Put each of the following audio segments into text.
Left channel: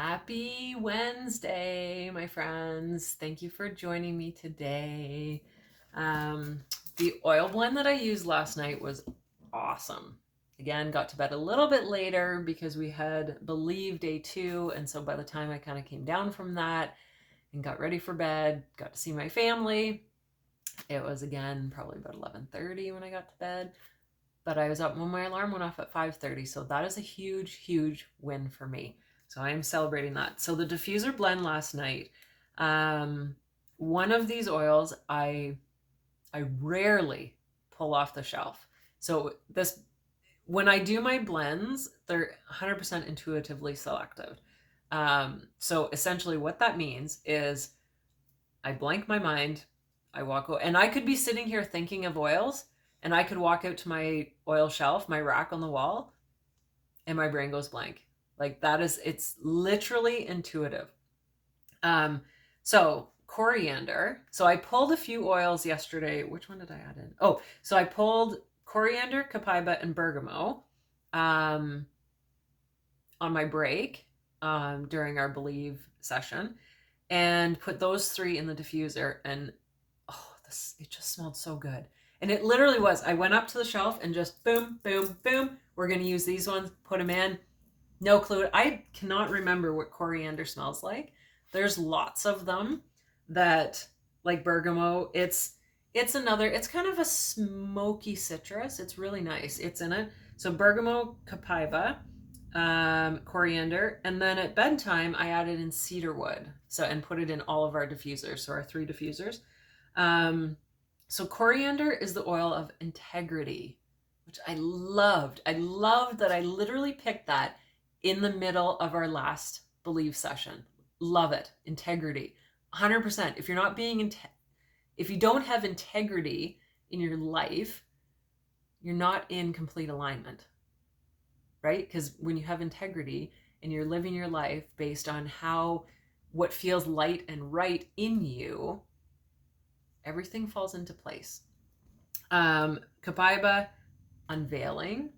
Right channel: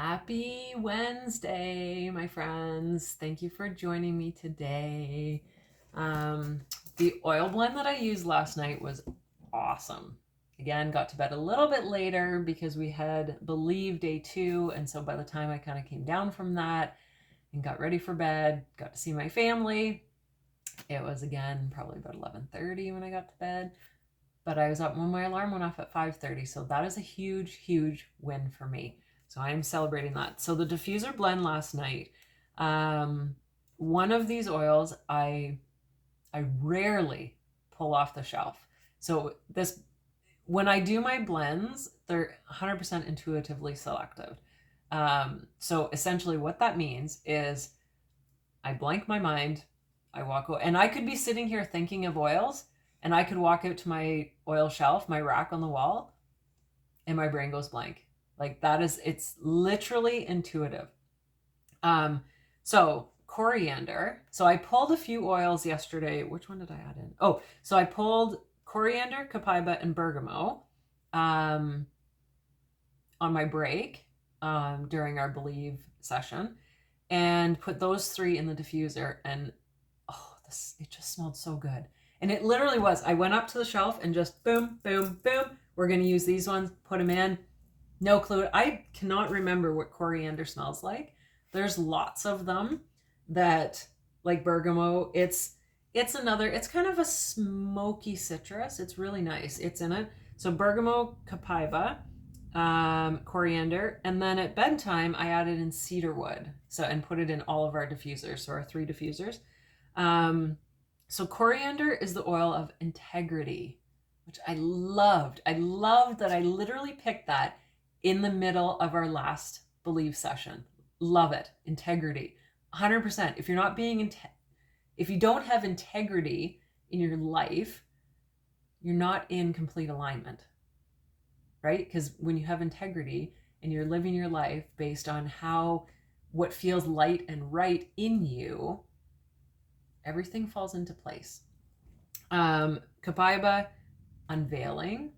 Happy Wednesday, my friends. Thank you for joining me today. The oil blend that I used last night was awesome. Again, got to bed a little bit later because we had Believe day 2. And so by the time I kind of came down from that and got ready for bed, got to see my family, it was again probably about 11:30 when I got to bed. But I was up when my alarm went off at 5:30. So that is a huge, huge win for me. So I am celebrating that. So the diffuser blend last night, one of these oils I rarely pull off the shelf. So when I do my blends, they're 100% intuitively selected. So essentially what that means is I blank my mind, I walk out, and I could be sitting here thinking of oils, and I could walk out to my oil shelf, my rack on the wall, and my brain goes blank. Like it's literally intuitive. So coriander. So I pulled a few oils yesterday. Which one did I add in? Oh, so I pulled coriander, copaiba, and bergamot on my break during our Believe session, and put those 3 in the diffuser. And it just smelled so good. And it literally was. I went up to the shelf and just boom, boom, boom. We're going to use these ones. Put them in. No clue. I cannot remember what coriander smells like. There's lots of them that, like bergamot, it's kind of a smoky citrus. It's really nice. It's in it. So bergamot, copaiba, coriander, and then at bedtime I added in cedarwood. And put it in all of our diffusers. So our 3 diffusers. So coriander is the oil of integrity, which I loved. I loved that I literally picked that in the middle of our last Believe session. Love it. Integrity. 100%. If you don't have integrity in your life, you're not in complete alignment, right? Because when you have integrity and you're living your life based on what feels light and right in you, everything falls into place. Copaiba, unveiling.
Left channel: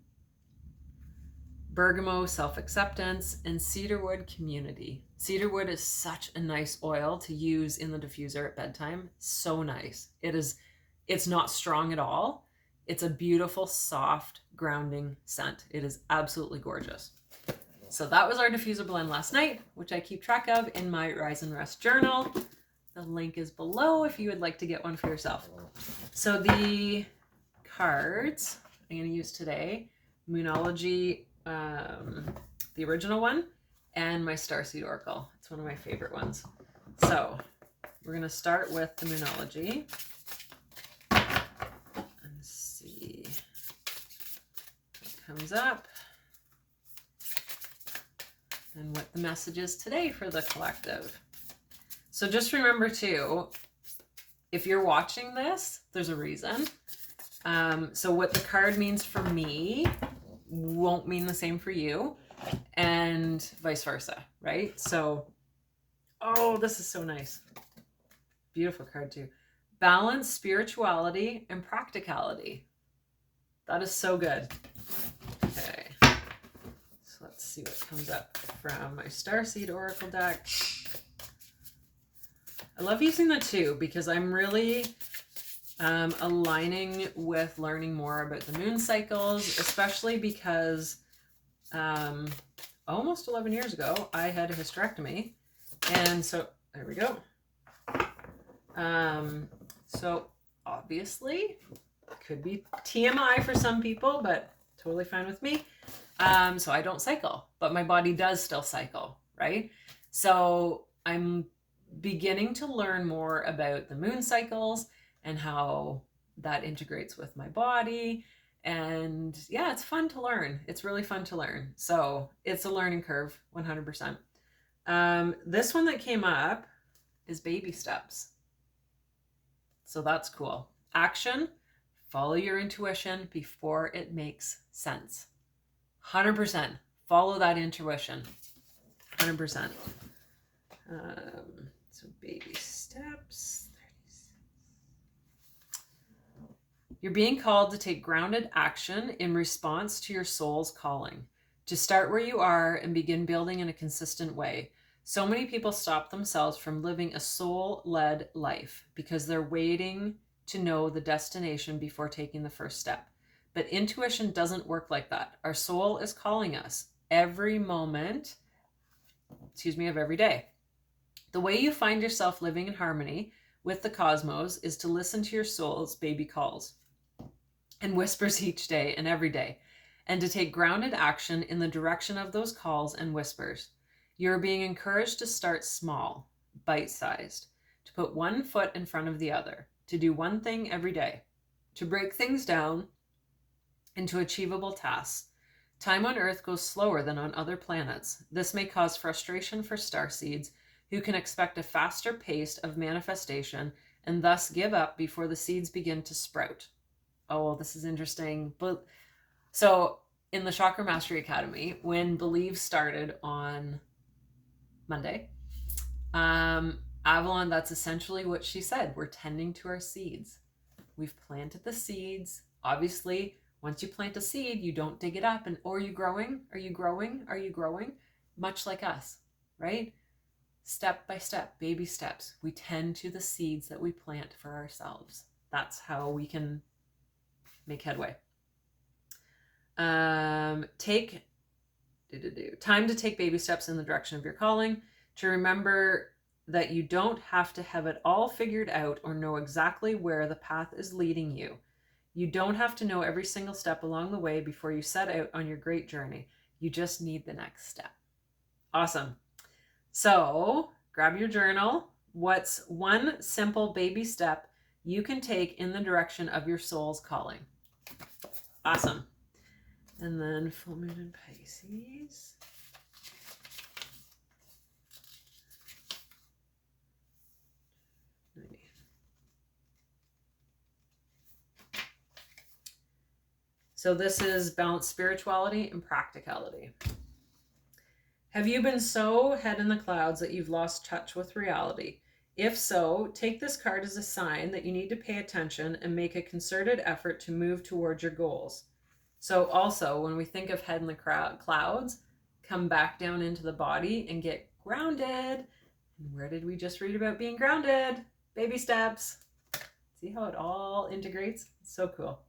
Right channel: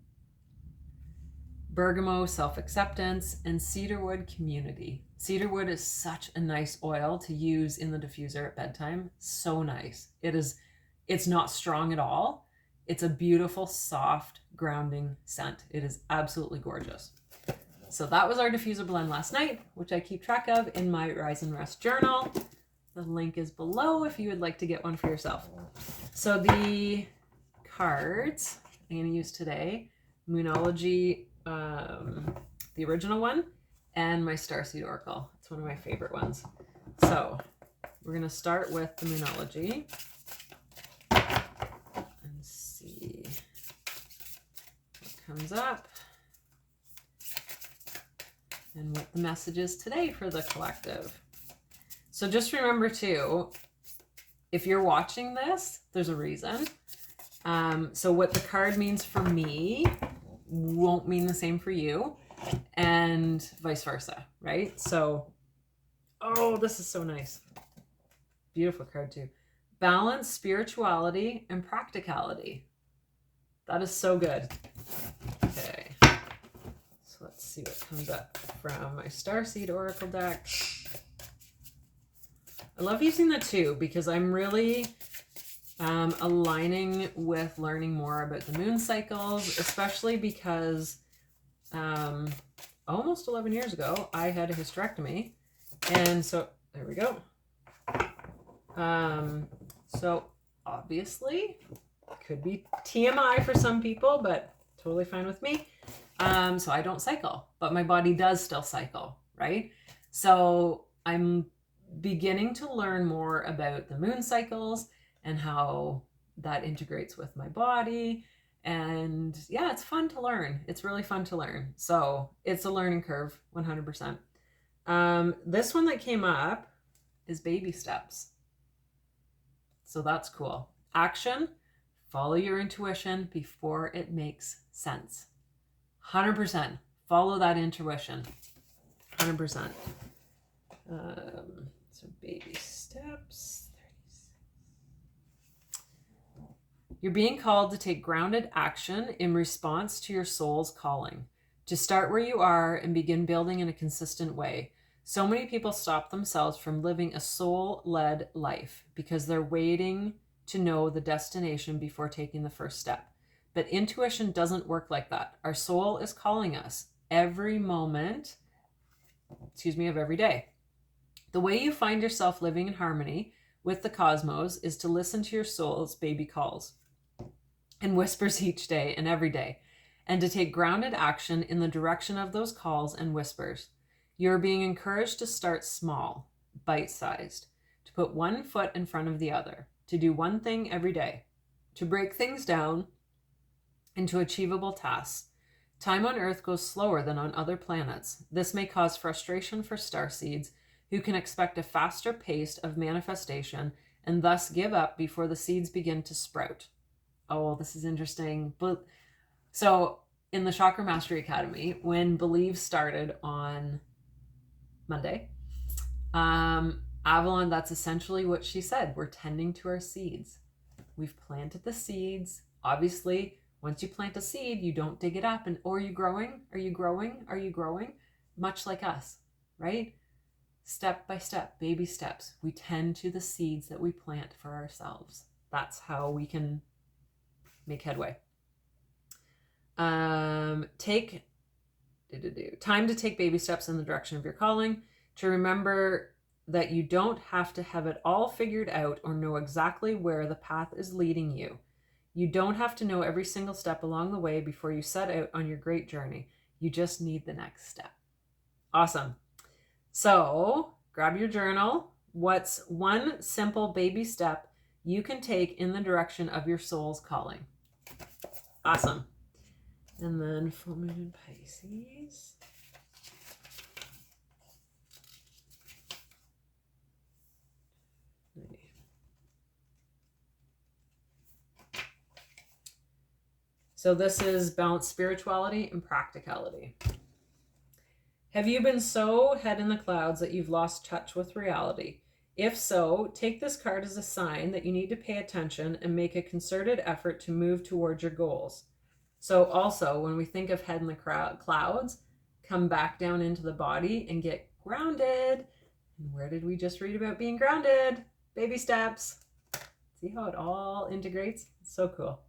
Bergamot, self-acceptance. And cedarwood, community. Cedarwood is such a nice oil to use in the diffuser at bedtime. So nice. It's not strong at all. It's a beautiful, soft, grounding scent. It is absolutely gorgeous. So that was our diffuser blend last night, which I keep track of in my Rise and Rest journal. The link is below if you would like to get one for yourself. So the cards I'm going to use today, Moonology, the original one, and my Starseed Oracle. It's one of my favorite ones. So we're going to start with the Moonology and see what comes up and what the message is today for the collective. So just remember too, if you're watching this, there's a reason. So what the card means for me won't mean the same for you, and vice versa, right? So, oh, this is so nice. Beautiful card too. Balance, spirituality, and practicality. That is so good. Okay. So let's see what comes up from my Starseed Oracle deck. I love using the 2 because I'm really aligning with learning more about the moon cycles, especially because almost 11 years ago, I had a hysterectomy. And so, there we go. So obviously, could be TMI for some people, but totally fine with me. So I don't cycle, but my body does still cycle, right? So I'm beginning to learn more about the moon cycles and how that integrates with my body. And yeah, it's fun to learn. It's really fun to learn. So it's a learning curve, 100%. This one that came up is baby steps. So that's cool. Action, follow your intuition before it makes sense. 100%. Follow that intuition. 100%. So baby steps. You're being called to take grounded action in response to your soul's calling. to start where you are and begin building in a consistent way. So many people stop themselves from living a soul-led life because they're waiting to know the destination before taking the first step. But intuition doesn't work like that. Our soul is calling us every moment, of every day. The way you find yourself living in harmony with the cosmos is to listen to your soul's baby calls and whispers each day and every day, and to take grounded action in the direction of those calls and whispers. You're being encouraged to start small, bite-sized, to put one foot in front of the other, to do one thing every day, to break things down into achievable tasks. Time on Earth goes slower than on other planets. This may cause frustration for starseeds who can expect a faster pace of manifestation and thus give up before the seeds begin to sprout. Oh, this is interesting. But so in the Chakra Mastery Academy, when Believe started on Monday, Avalon, that's essentially what she said. We're tending to our seeds. We've planted the seeds. Obviously, once you plant a seed, you don't dig it up and, are you growing? Are you growing? Are you growing? Much like us, right? Step by step, baby steps. We tend to the seeds that we plant for ourselves. That's how we can make headway. Time to take baby steps in the direction of your calling, to remember that you don't have to have it all figured out or know exactly where the path is leading you. You don't have to know every single step along the way before you set out on your great journey. You just need the next step. Awesome. So grab your journal. What's one simple baby step you can take in the direction of your soul's calling? Awesome. And then full moon in Pisces. So this is Balanced Spirituality and Practicality. Have you been so head in the clouds that you've lost touch with reality? If so, take this card as a sign that you need to pay attention and make a concerted effort to move towards your goals. So also, when we think of head in the clouds, come back down into the body and get grounded. And where did we just read about being grounded? Baby steps. See how it all integrates? It's so cool.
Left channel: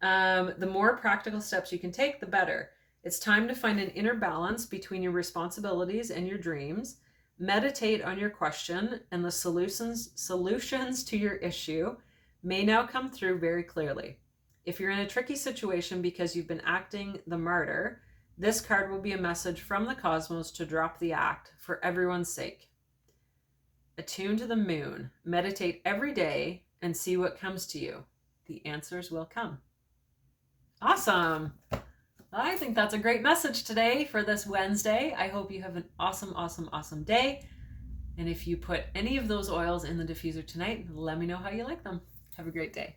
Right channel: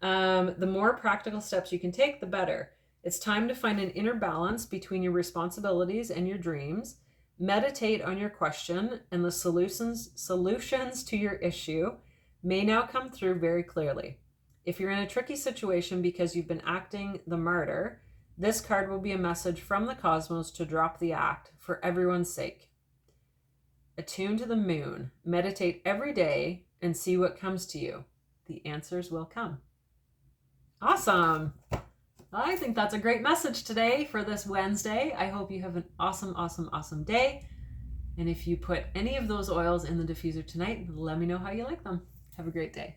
The more practical steps you can take, the better. It's time to find an inner balance between your responsibilities and your dreams. Meditate on your question, and the solutions to your issue may now come through very clearly. If you're in a tricky situation because you've been acting the martyr, this card will be a message from the cosmos to drop the act for everyone's sake. Attune to the moon. Meditate every day and see what comes to you. The answers will come. Awesome. I think that's a great message today for this Wednesday. I hope you have an awesome, awesome, awesome day. And if you put any of those oils in the diffuser tonight, let me know how you like them. Have a great day.